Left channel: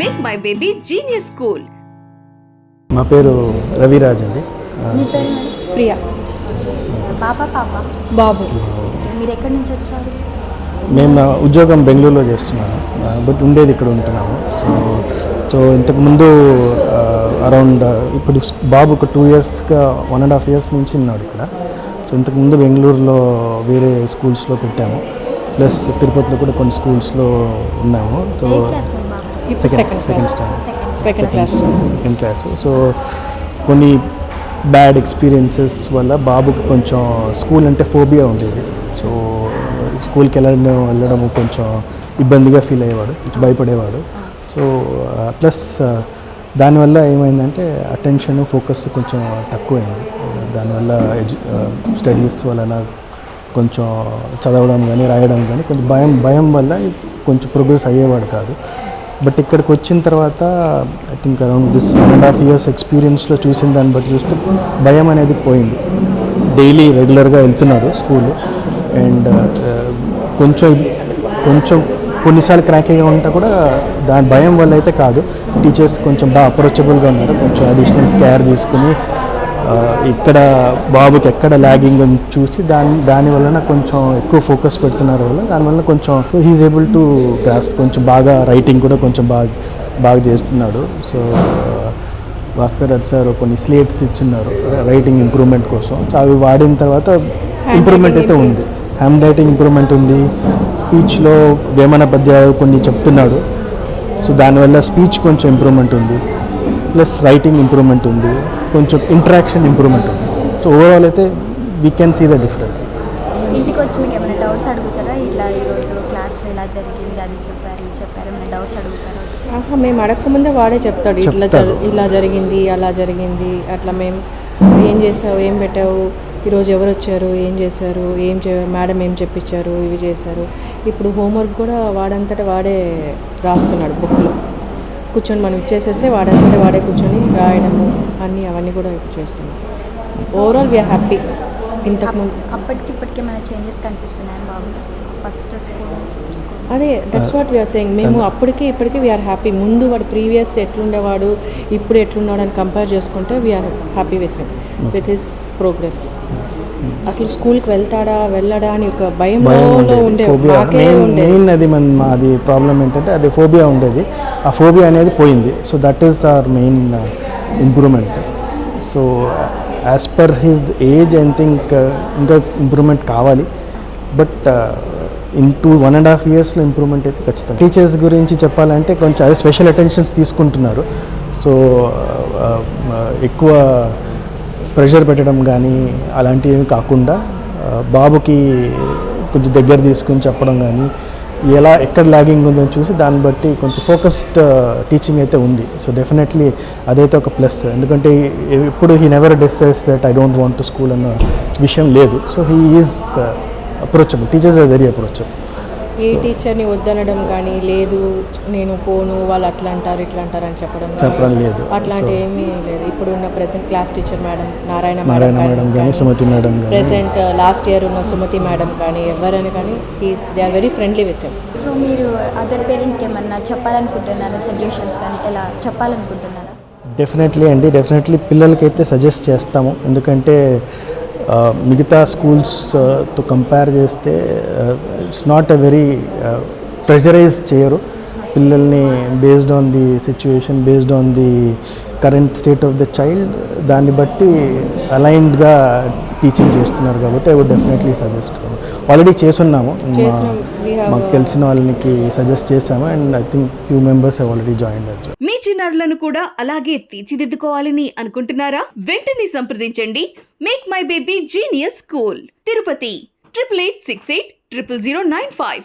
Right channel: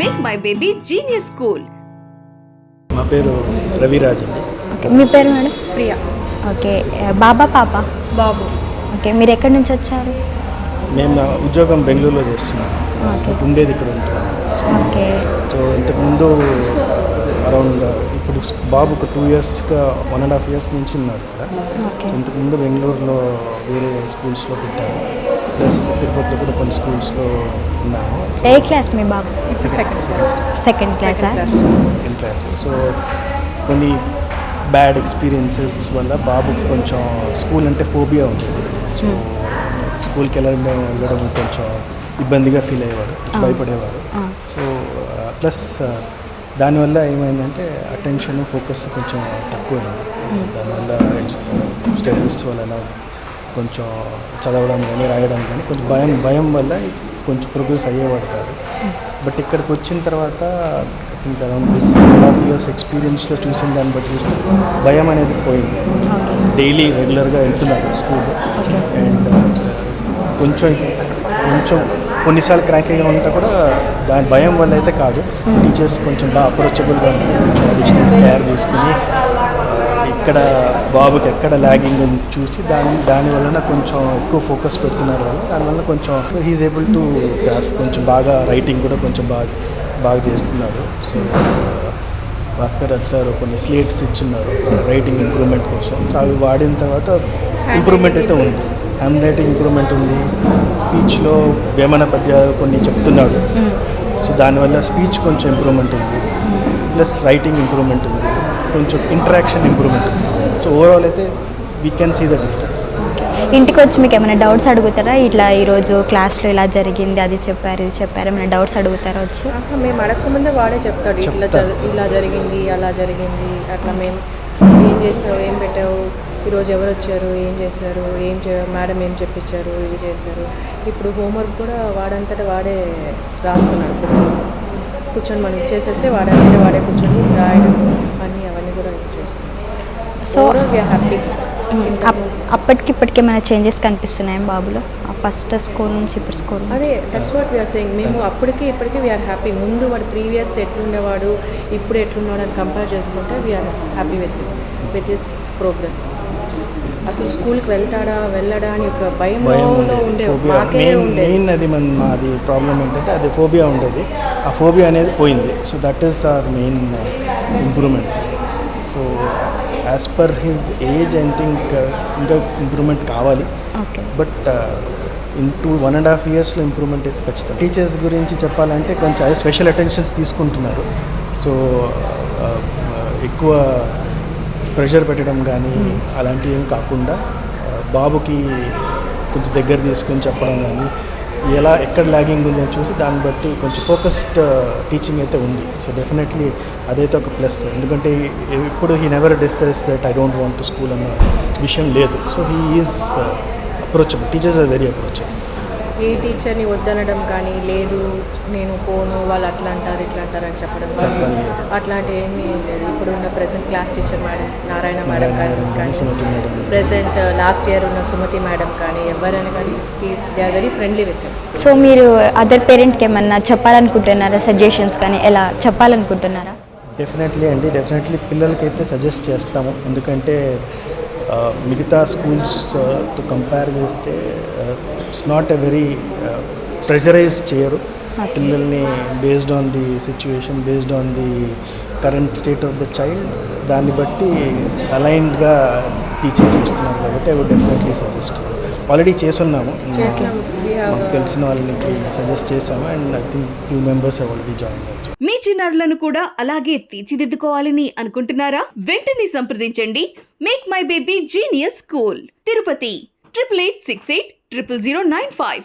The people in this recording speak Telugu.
Make my baby genius school మా పేరు రవిరాజ్ అండి. మీ పేరు మేడం? ప్రియా. ఓకే బాబా పాప? బాబు. ఓకే మీరు ఎక్కడి నుంచి వచ్చారు? మేము ఉద్యోగం బెంగళూరులో చేస్తున్నాము. ఉండేది ఇక్కడ ఉంటున్నాము. సో ఇంతకుముందు అరౌండ్ ఇప్పుడు బాబు ఒక టూ ఇయర్స్గా వన్ అండ్ హాఫ్ ఇయర్స్ నుంచి ఉన్నాడు ఇక్కడ. సో ఇంతకుముందు బెంగళూరులో వేరే స్కూల్స్లో పెట్టాము. ప్లస్ తిరుపతిలో కూడా కొన్ని స్కూల్స్లో ఉన్నాము. ఏ క్లాస్ మీ బాబు? Second second second class. Second class? So కొన్ని బ్యాడ్ ఎక్స్పీరియన్సెస్ వల్ల బాబుకి కొంచెం స్కూల్ అంటే ఫోబియా ఉండేది. సో స్కూల్కి వెళ్ళడం వెళ్ళడం కొంచెం ఇబ్బందిగా ఫీల్ అయ్యేవాడు భయపడేవాడు. సో ప్లస్ దానివల్ల ఏమైందంటే అటెన్షన్ ఫోకస్ కొంచెం తక్కువైంది. దానివల్ల స్టడీస్ వలన కొంచెం చదవడం కానీ రాయడం కానీ కొంచెం భయం భయం వల్ల కొంచెం ప్రోగ్రెస్ అయ్యేవాడు కాదు. బట్ ఇక్కడికి వచ్చిన తర్వాత I think around this one and half years ఎక్స్పీరియన్స్లో చూసిన దాన్ని బట్టి చూస్తే భయం అనేది పోయింది. డైలీ రెగ్యులర్గా వెళ్తున్నాడు స్కూల్ అండ్ కొంచెం కొంచెం కొన్నిసార్లు క్రాక్ అయ్యే ఉంటా కూడా దాని భయం వల్ల అయితే కాదు. టీచర్స్ కొంచెం బాగా అప్రోచబుల్గా కొంచెం డిస్టెన్స్ కేర్ తీసుకుని ఇక్కడ బాబుకి ఎక్కడ ల్యాగింగ్ అని చూసి దాని దాని వలన కొంచెం ఎక్కువ ఫోకస్ పెడుతున్నారు వల్ల దానివల్ల కొంచెం హీఈస్ ఏబుల్ టు గ్రాస్ కొంచెం బాగా రైటింగ్ కూడా కొంచెం బాగా బాగా చేస్తున్నాడు. సో భాస్కర్ రాజ్ సార్ కొన్ని స్లేట్స్ ఇచ్చున్నారు రైటింగ్ ఇంప్రూవ్మెంట్ కోసం. సో అవి వాడిన తర్వాత ఇంప్రూవ్మెంట్ అయితే ఉంది. హ్యాండ్ రైటింగ్ ఇంప్రూవ్మెంట్ ఉంది స్పీచ్లో వేమన పద్యాలు కొన్ని చెప్తున్నాడు. సో దానివల్ల స్పీచ్ కొంచెం ఇంప్రూవ్మెంట్ ఉంది. ప్లస్ రైటింగ్ ఇంప్రూవ్మెంట్ ఉంది. కొంచెం ఇంటరాక్షన్ ఇంప్రూవ్మెంట్ సో ఓవరాల్ అయితే we can see the difference ఇంటికి వచ్చి మీకు ఏమైనా డౌట్స్ అడుగుతారా? ఇట్లా ఈరోజు క్లాస్లో ఇలా జరిగింది అది చెప్పారు ఇది చెప్పారు ఏమైనా డౌట్స్ అడుగుతారా వచ్చి? మేము అడగకముందే వాడే చెప్తాడు ఇట్లా ఇలా జరిగింది అలా జరిగింది అట్లా మేము ఏం చేసావు ఏం పెట్టావు ఈరోజు ఎవరు వచ్చారు ఏం చేశారు ఏం చే మేడం ఏం చెప్పించారు ఇవి చేశారు. ఇప్పుడు హోంవర్క్ కూడా వాడంతటా వాడే రాస్తున్నాడు. కూర్చొని మనం ఇచ్చేసేస్తే వాడంతటా వాడే కూర్చొని రాయడం అన్నీ అవన్నీ కూడా చేస్తున్నాడు So- overall we are happy up- అప్పటికి ఇప్పటికి ఏమైనా చేంజెస్ కనిపిస్తున్నాయి బాబులో? ఫస్ట్ స్కూల్ నుంచి ఇప్పుడు స్కూల్ అదే దట్స్ వాట్ వీఆర్ సెయింగ్ మేము అప్పటికి ఇప్పటికీ వీఆర్ హ్యాపీ ముందు వాడు ప్రీవియస్ ఎట్లుండేవాడు ఇప్పుడు ఎట్లున్నాడు అని కంపేర్ చేసుకుంటే we are happy with with his progress అసలు స్కూల్కి వెళ్తాడా వెళ్ళడా అని ఒక భయం ఉండేది. ఉండే ఫోబియా మాకే మెయిన్ ఉండేది. అది మన మాది ప్రాబ్లం ఏంటంటే అది ఫోబియా ఉండేది. ఆ ఫోబియా అనేది పోయింది. So that is our main improvement so as per his age I think ఇంకా ఇంప్రూవ్మెంట్ కావాలి. But in two one and half ఇయర్స్లో ఇంప్రూవ్మెంట్ అయితే ఖచ్చితంగా. టీచర్స్ గురించి చెప్పాలంటే కొంచెం అదే స్పెషల్ అటెన్షన్స్ తీసుకుంటున్నారు. సో ఎక్కువ ప్రెషర్ పెట్టడం కానీ అలాంటివి కాకుండా ఆ, బాబుకి కొంచెం దగ్గర తీసుకుని చెప్పడం కానీ ఎలా ఎక్కడ లాగింగ్ ఉందని చూసి దాన్ని బట్టి కొంచెం ఫోకస్డ్ టీచింగ్ uh, అయితే ఉంది. సో డెఫినెట్లీ అదైతే ఒక ప్లస్ ఎందుకంటే ఎప్పుడు he never disses that I don't want to school అన్న విషయం లేదు. So he is approachable teachers are very approachable ఏ టీచర్ని వద్దనడం కానీ లేదు నేను పోను వాళ్ళు అట్లా అంటారు ఇట్లా అంటారు అని చెప్పడం చెప్పడం లేదు. అట్లాంటి ఏమీ లేదు. ఇప్పుడున్న present class teacher madam Narayana madam కానీ Sumathi madam present last year ఉన్న సుమతి మేడం కానీ ఎవరైనా కానీ they are very friendly with so మీరు అదర్ పేరెంట్కి ఏమన్నా చెప్పాలనుకుంటున్నారా? సజెషన్స్ కానీ ఎలా చెప్పాలనుకుంటున్నారా? డెఫినెట్లీ అండి. డెఫినెట్లీ పిల్లలకైతే సజెస్ట్ చేస్తాము. ఎందుకంటే ఆ, మిగతా స్కూల్స్తో కంపేర్ చేస్తే it's not a very pressurize చేయరు పిల్లల్ని based on the situation based on the current state of the child దాన్ని బట్టి అలైన్డ్గా టీచింగ్ చేస్తున్నారు కాబట్టి I would definitely suggest already చేసున్నాము మా- చేసినాం. We have, మాకు తెలిసిన వాళ్ళకి సజెస్ట్ చేసాము and I think few members already join మీ చిన్నారులను కూడా అలాగే తీర్చిదిద్దుకోవాలని అనుకుంటున్నారా? వెంటనే సంప్రదించండి. Make my baby genius school Tirupati triple eight six eight triple zero nine five